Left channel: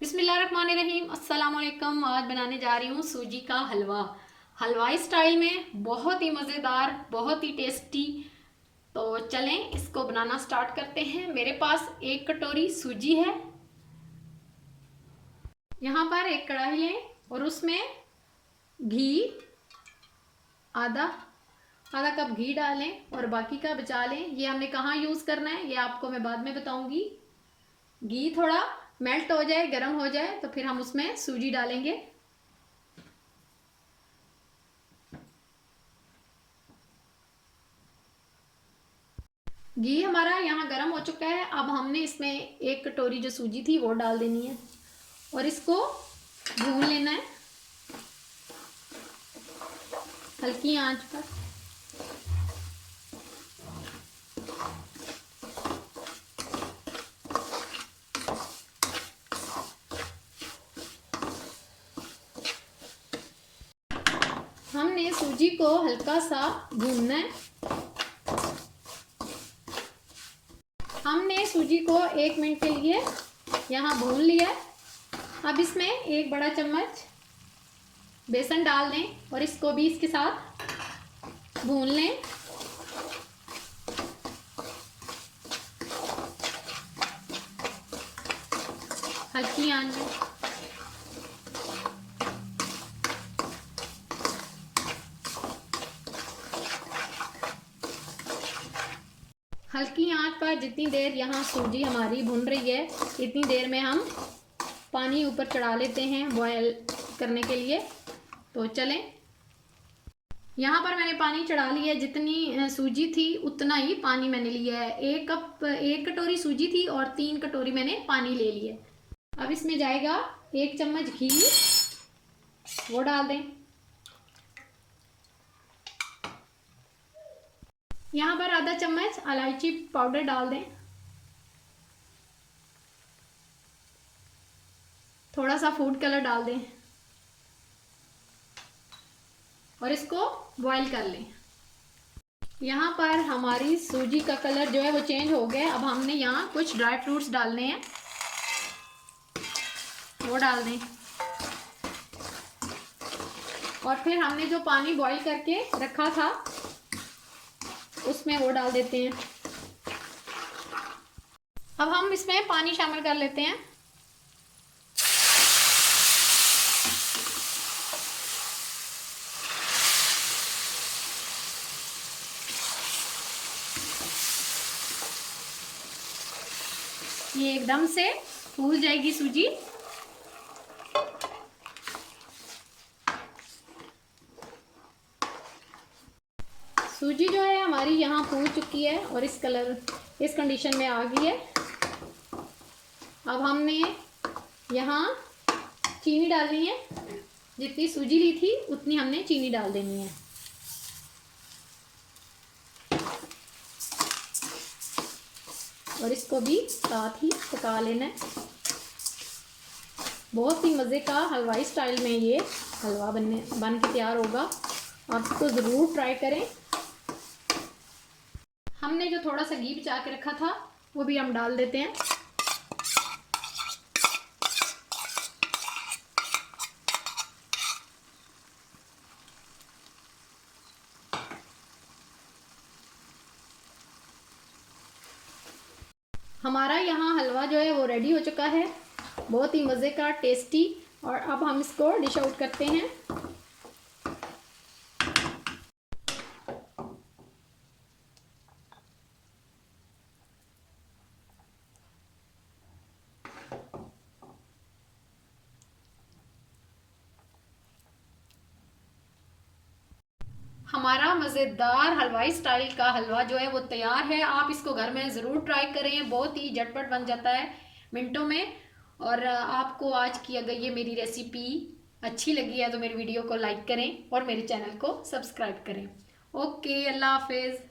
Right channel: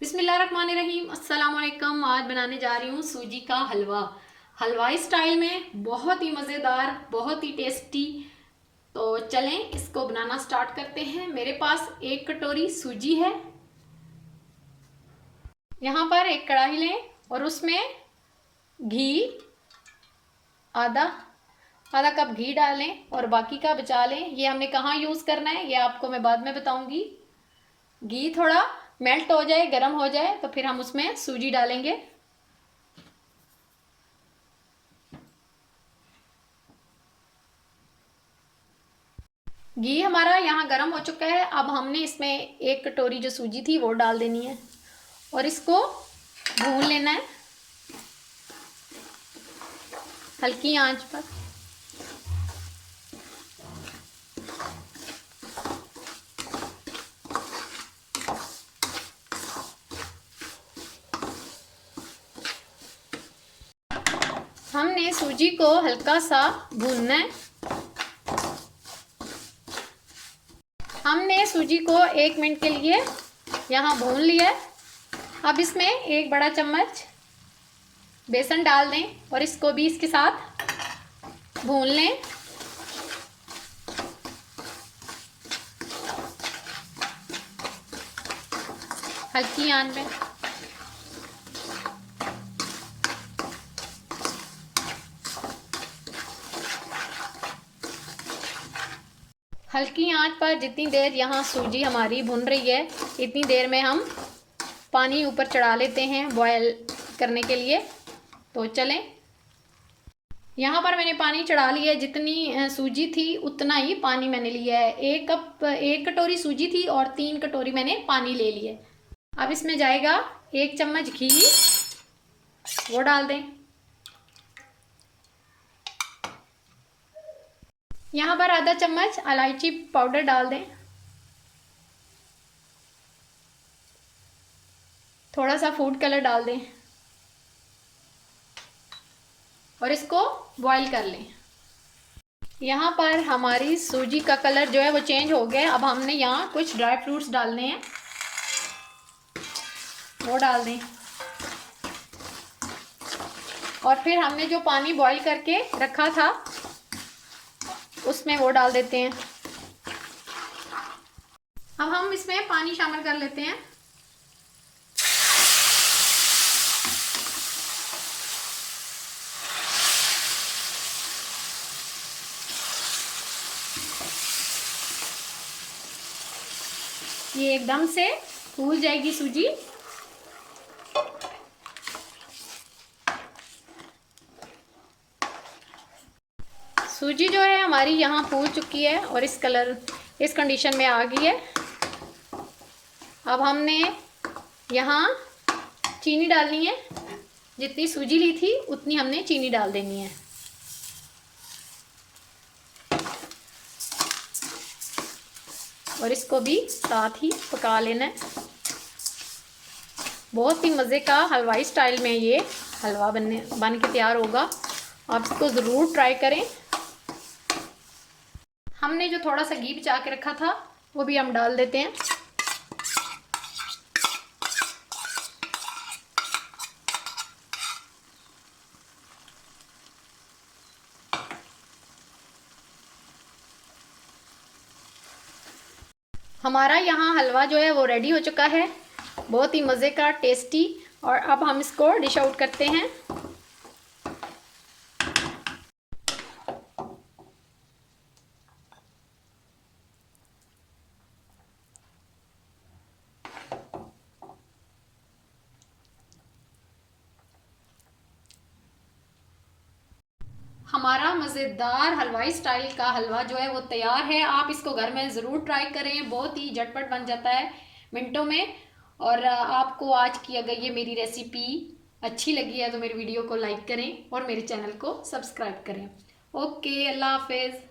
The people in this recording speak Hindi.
बिस्मिल्लाहिर्रहमानिर्रहीम। अस्सलाम वालेकुम। आज बनाने जा रही हूँ सूजी का हलवा, हलवाई स्टाइल में, बहुत ही मज़ेदार, बहुत ही टेस्टी। तो चलें इसको बनाना स्टार्ट करते हैं। मेरे पास 1 कटोरी सूजी है। यहाँ पर एक कढ़ाई लें और उसमें घी आधा आधा कप घी डालें और बाकी का बचा लें। ये हमने कहाँ यूज़ करना है ये आपको मैं बाद में बताऊंगी। घी थोड़ा मेल्ट हो जाए, गर्म हो जाए, तो फिर हम उसमें सूजी डालेंगे। घी हमारा यहाँ गर्म हो चुका है। अब हमने इसमें 1 कटोरी जो सूजी थी वो डाल देनी है और इसको भून लेना है हल्की आंच पर। हमने सूजी को हल्का सा भूनना है। हमने सूजी को 1 मिनट के लिए यहाँ भून लिया। अब इसमें 1 बड़ा चम्मच बेसन डाल दें और इसको भी इसके साथ भून लें। हल्की आंच में। हल्की आंच पर जितनी देर यहाँ सूजी हमारी भुन रही है, इतनी देर में हम पानी ऊपर चढ़ा लेते हैं बॉयल करने के लिए। तो चलें, यहाँ पर मैंने पानी चढ़ा लिया है। जितनी सूजी थी उतना ही पानी मैंने लिया है। 1 कटोरी सूजी थी और 3 कटोरी मैंने पानी ले लिए। अब इसमें जाएगा 1 चम्मच घी, वो डाल दें। यहाँ पर आधा चम्मच इलायची पाउडर डाल दें। थोड़ा सा फूड कलर डाल दें और इसको बॉईल कर लें। यहाँ पर हमारी सूजी का कलर जो है वो चेंज हो गया है। अब हमने यहाँ कुछ ड्राई फ्रूट्स डालने हैं, वो डाल दें। और फिर हमने जो पानी बॉईल करके रखा था उसमें वो डाल देते हैं। अब हम इसमें पानी शामिल कर लेते हैं। ये एकदम से फूल जाएगी सूजी। सूजी जो है हमारी यहाँ फूल चुकी है और इस कंडीशन में आ गई है। अब हमने यहाँ चीनी डालनी है। जितनी सूजी ली थी उतनी हमने चीनी डाल देनी है। और इसको भी साथ ही पका लेना है। बहुत ही मज़े का हलवाई स्टाइल में ये हलवा बन के तैयार होगा। आप इसको ज़रूर ट्राई करें। हमने जो थोड़ा सा घी बचा के रखा था वो भी हम डाल देते हैं। हमारा यहाँ हलवा जो है वो रेडी हो चुका है, बहुत ही मज़े का, टेस्टी। और अब हम इसको डिश आउट करते हैं। हमारा मज़ेदार हलवाई स्टाइल का हलवा जो है वो तैयार है। आप इसको घर में ज़रूर ट्राई करें, बहुत ही झटपट बन जाता है मिनटों में। और आपको आज की अगर ये मेरी रेसिपी अच्छी लगी है तो मेरी वीडियो को लाइक करें और मेरे चैनल को सब्सक्राइब करें। ओके, अल्लाह हाफिज़।